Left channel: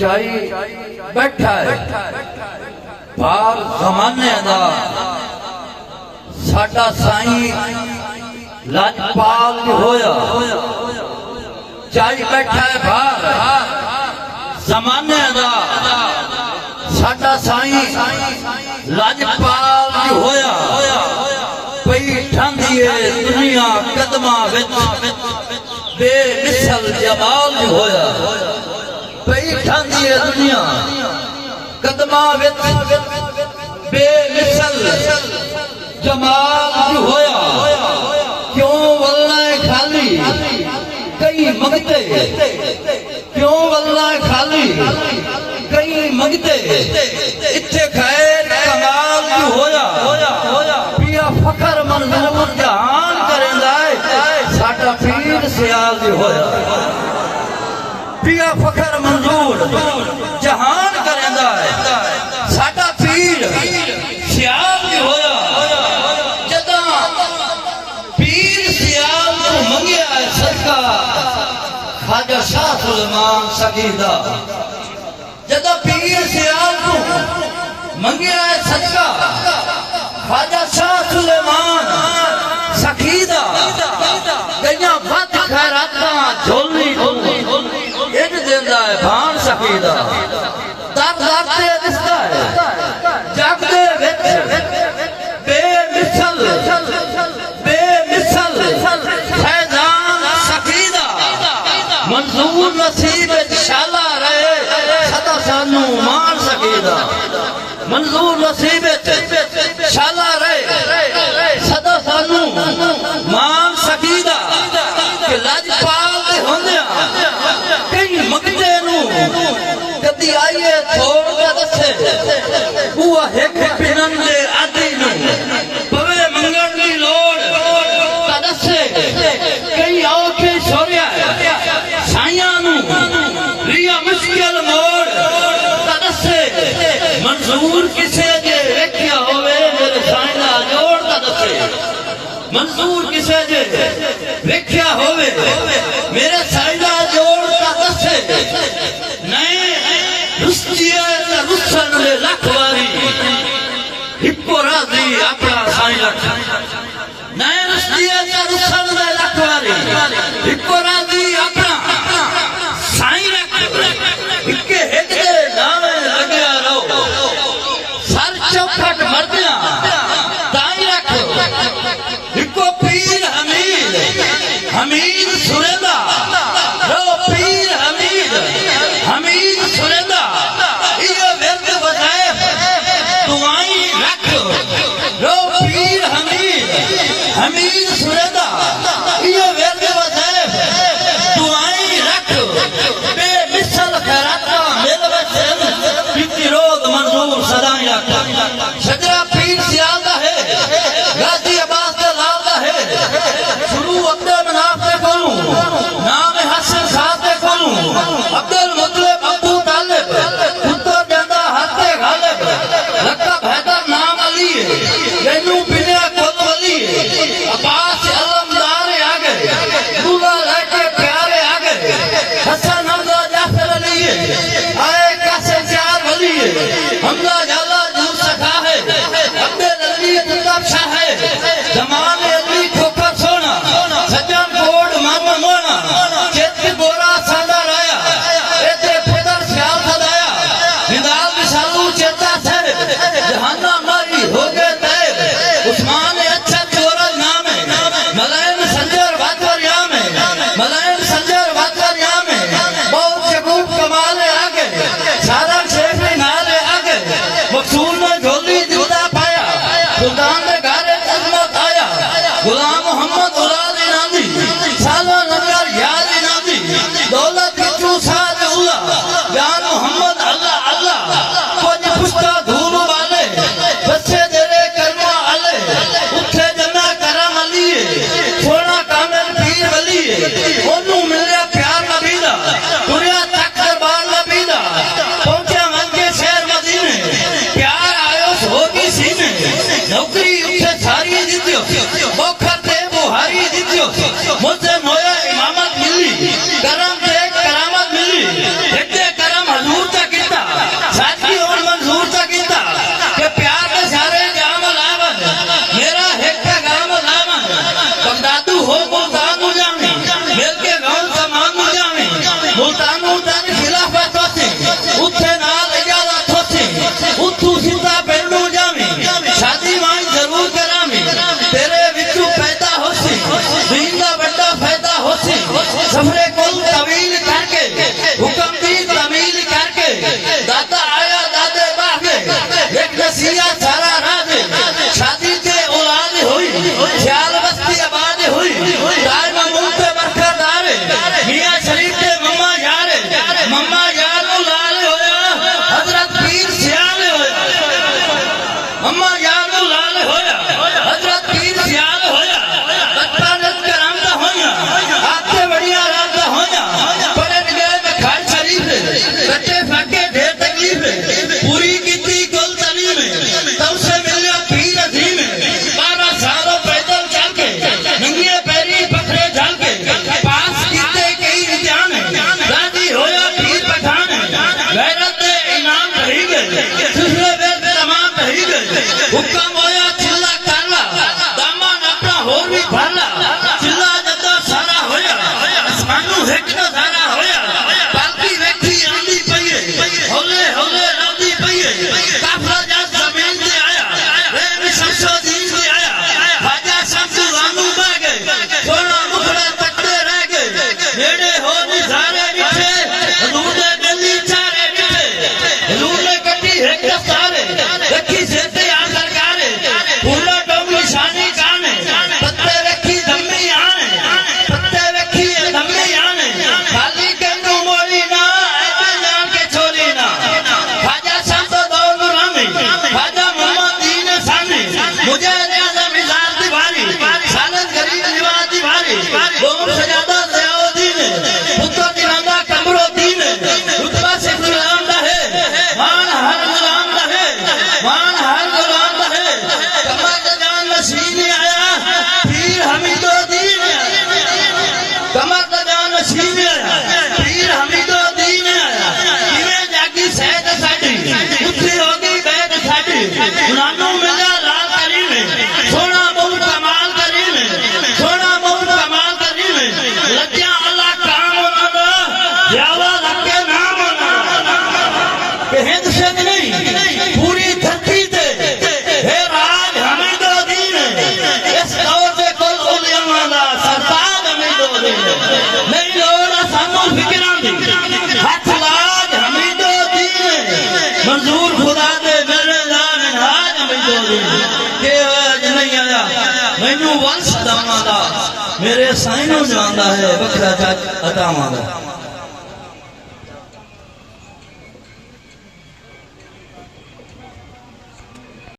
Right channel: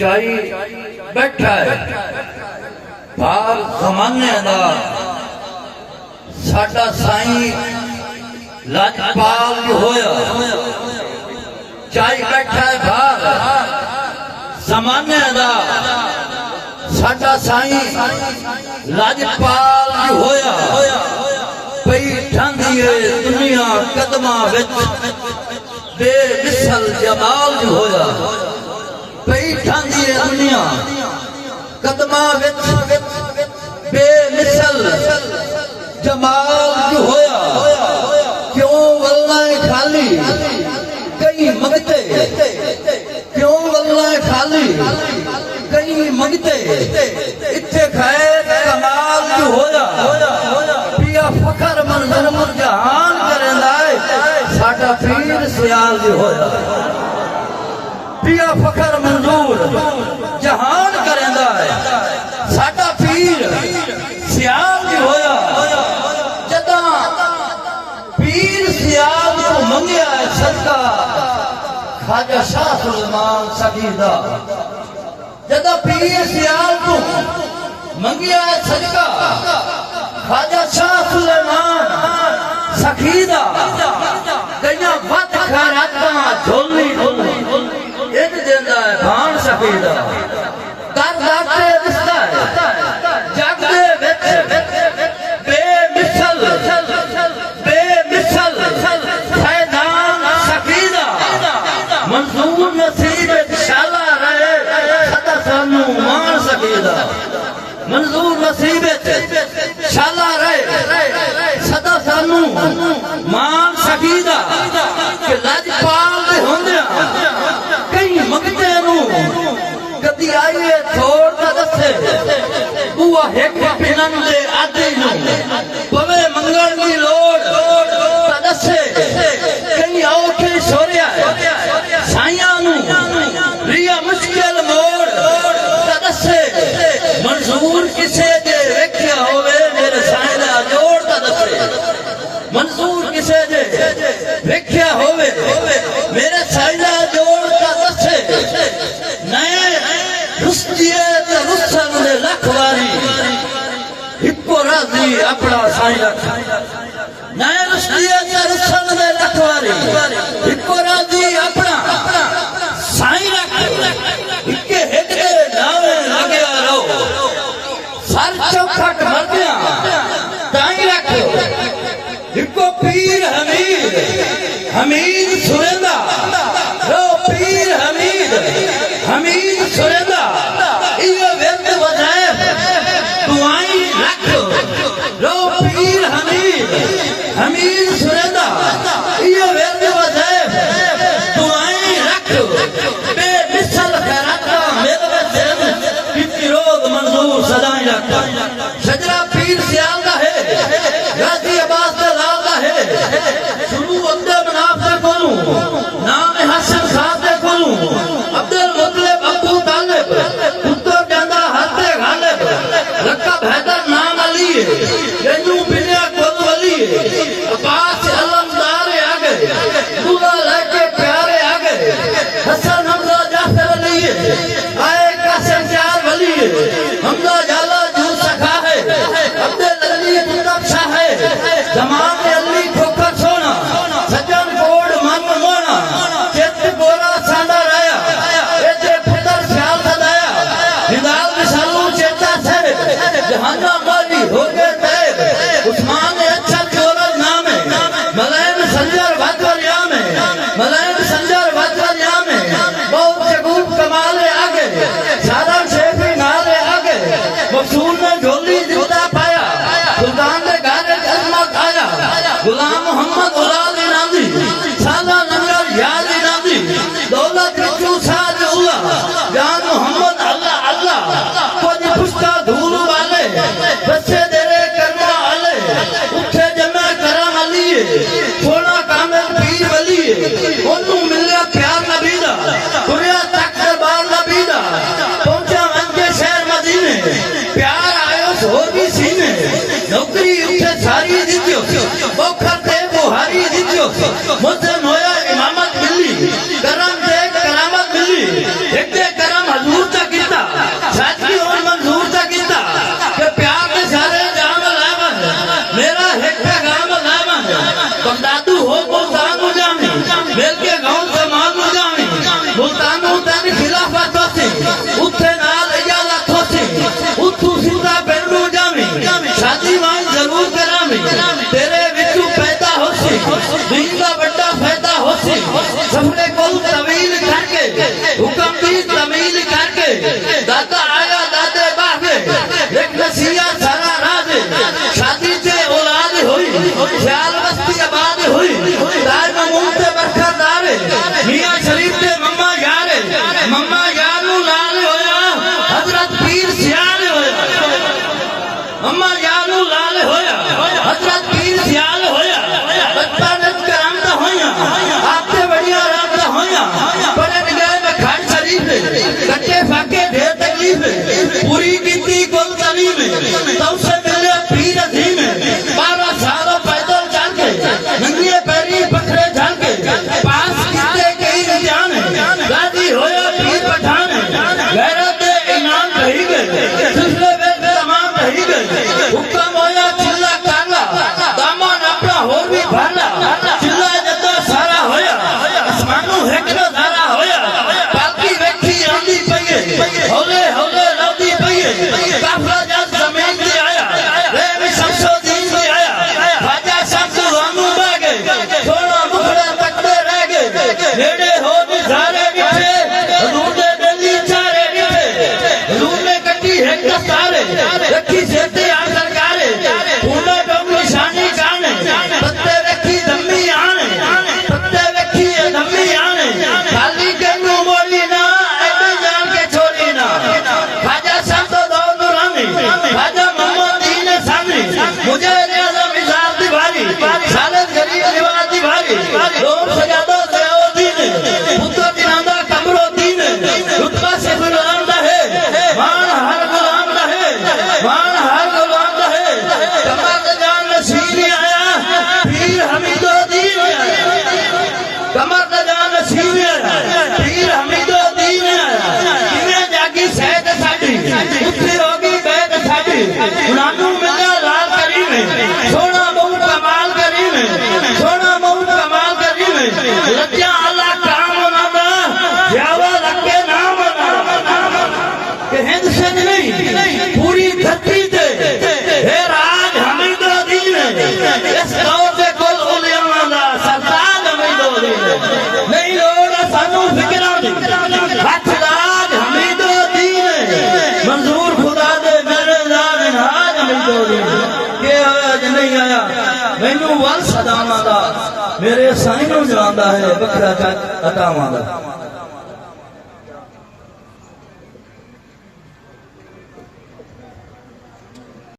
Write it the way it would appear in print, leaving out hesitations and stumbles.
चाई बैठा है भार जमाने दा साडा साईं लाजपाल होया। चाई बैठा है भार जमाने दा साडा साईं लाजपाल होया। पई ठांदी है दुनिया कदमा विच बेमिसल जमाल होया। पई ठांदी है दुनिया कदमा विच बेमिसल जमाल होया। क्यों वल्ला खाली कई मंगते, क्यों वल्ला खाली कई मंगते, इत्थे खैर कमाल होया। पिया फखर मंजूर जहान करेंदा है साडा पीर सियाल होया। पिया फखर मंजूर जहान करेंदा है साडा पीर सियाल होया। जदा पीर सियाल को मंगिया सदका ख्वाजा शाह सुलेमान सगीदा। जदा पीर सियाल को मंगिया सदका ख्वाजा शाह सुलेमान सगीदा। जइया वत खैराता झोली इंज देंदा है भाण सगीदा। दर लागते रिश्ता है जगदे विच बेमिसल बेमिसल फैजान सगीदा। मंजूर नसीब शाला रहे सदा सानू मान सगीदा। मंजूर नसीब शाला रहे सदा सानू मान सगीदा। कि लाजपाल दे होंदिया कई मंगते नू कदी आइए छोड़ का दसे बुआ एक पिनन दे आदि नू पवे मंगण दी लोड़ का दसे। कई औखे छोरिया साइयां नू रिया मुश्किल मोड़ का दसे। मंजूर किसे जे वेख्या होवे मेरे साइना जोड़ का दसे। मंजूर किसे जे वेख्या होवे मेरे साइना जोड़ का दसे। नए रुस्तिए ते रुसन दे लख वारी हिको राजी अपना साईं रख। नए रुस्तिए ते रुसन दे लख वारी हिको राजी अपना साईं रख। हिके हिक दे नावे लग्या रहो सर चौखट मरदिया ताई रख। हिको पीर हमीद हमीद सुरेंदा रो पीर हमीद हमीद सुरेंदा। इयो विरद वज़ैफ दुआई रख रो पीर हमीद हमीद सुरेंदा। इयो विरद वज़ैफ दुआई रख बेमिसल खैराता मेरे सिंध बिकी रोज मंजूर सदाई रख। सजरा पीर सियाल दा है गाजी अब्बास दा लाल दा है। शुरू अब्दे मनाफ दा करूं नाम हसन साहब दे करूं अब्दुल मुतलिब अब्दुल तालिब पुत्र बेंदा हत्ते गालिब लकब हैदर नाम अली गन्नू पिनिया खुद वली। अब्बास अलमदार आ गए दूल्हा लड़के प्यारे आ गए। हसन हमजा जाफर अली आए का संचार वली। हमजा जाला जू सखा है अब्दुल अली कुतब शाह है। जमाने अली खोखा सोना सज्जन बोर्ड मन मोना चेत गोरा सादा राया एते फिकर ख्याल सदाया। निदाल विशालू चेता सर जहाना मारी हो गए तैर। उस्मान अच्छा चोरा नाम है मलायम संजर वाकरिया में मलायम संजर वाकरिया में बहुत शगूफ कमाल आ गए। सारा शेफी नाले आ गए मकसूल में झोली दिलदा पाया। सुल्तान ने गारे अजमत आया गुलाम मोहम्मद उलाल इनादी साला नंगर याद इनादी दौलत किचू साज अल्लाह जान मोहम्मद अल्लाह अल्लाह। कुछ पुष्टा धूल वाले बच्चे तेरे कर्मा अले उठे जन्ना करा अली सोना कामिल पीर वली। ओनू मिलिया प्यार नबी दा दुनिया तक दरबार ना उत्थे नाल इजाजत होसी उठू सीधा पहलू जामी शादी मान जरूर करामी तेरे विचू पैदा होसी दीन दा बड़ा फायदा होसी सफरे कुल तवील करके हुक्म दी तमील करके दादा आया दादे बागे एक नसिया सारा राज शादी ते औलाद हुई ख्याल बस्ती आबाद हुई दार मामूल ते बरखा दारे मियां शरीफ ते मम्मा यारे मम्मा यार नु लाल होया हजरत पीर सियाल होया मम्मा यार नु लाल होया हजरत पीर सियाल होया बच्चा नत करम दा होया आते बढ़िया रात दा होया पढ़े गए में खान शरीफ बच्चे फाके ढेर तकलीफ पूरी कीती कुल तलीम तब से मिले पीर अजीम 12 सालों पैदल चल के नंगे पैरी पखड़े झल के पास कीते कई जान गाजी होया पीर पठान गैरत दे इनाम रही गए दूसरे वेद तमाम रही गए हुक्म होया चिल्ला काला दामन अपना होर भी भाला चिल्ला जदा सारा होया आसमानों हेकड़ा सारा होया पालकी वेखी आंदी पईए हौले हौले लौदी पईए काफला जद जमीन ते आया रे शमसो दीन ते आया राजा शमसो वांगू बह गए थोड़ा मुखड़ा तकते रह गए नेड़े हो निजारे दिखे हजूर दे गली चारे दिखे हजूर ने कटी है दस्तारे देखी सेते आ सरकारे पूरा डोम निशानी काने पत्ते वेखी धम्मी आने पत्ते वेखी धम्मी आने खाली गन्नू मोली ना ऐसे जान के छोरी ना ख्वाजा शमसो दौर गुलामी ख्वाजा मोहम्मद दीन सामी मुझे रियाजा मिजाज दीवारी खालिद गरीब निवाज दीवारी रोम सजादा ज़ियाउद्दीन पुत्र दिनादा कमरुद्दीन रुतबा से गुलाम रहे मान हर गुलाम रहे मान हर गुलाम रहे कमर का जान नसीब आया पीर हमीदुद्दीन आया कमर का जान नसीब आया पीर हमीदुद्दीन आया किने जागी सैद साडी उठी होगी बैत साडी नानू मिला लाल करीम सोना बहुत कमाल करीम सोना बहुत कमाल करीम लज्जा अल्लाह काम होना यावा लगे नाम होना कि हिंद से नहीं पूरी धरती ते हे राज हमीदुद्दीन इस दौर दे कुल उलिया दा सरताज हमीदुद्दीन नहीं लोड़ सानू फिक्रां दी हथ राज हमीदुद्दीन मंजूर खुदा दे मेरे जान हाज हमीदुद्दीन के होया नहीं आया मैनू वल सदावां दा मेरे साईं नू जानदा है वखरा अतावां दा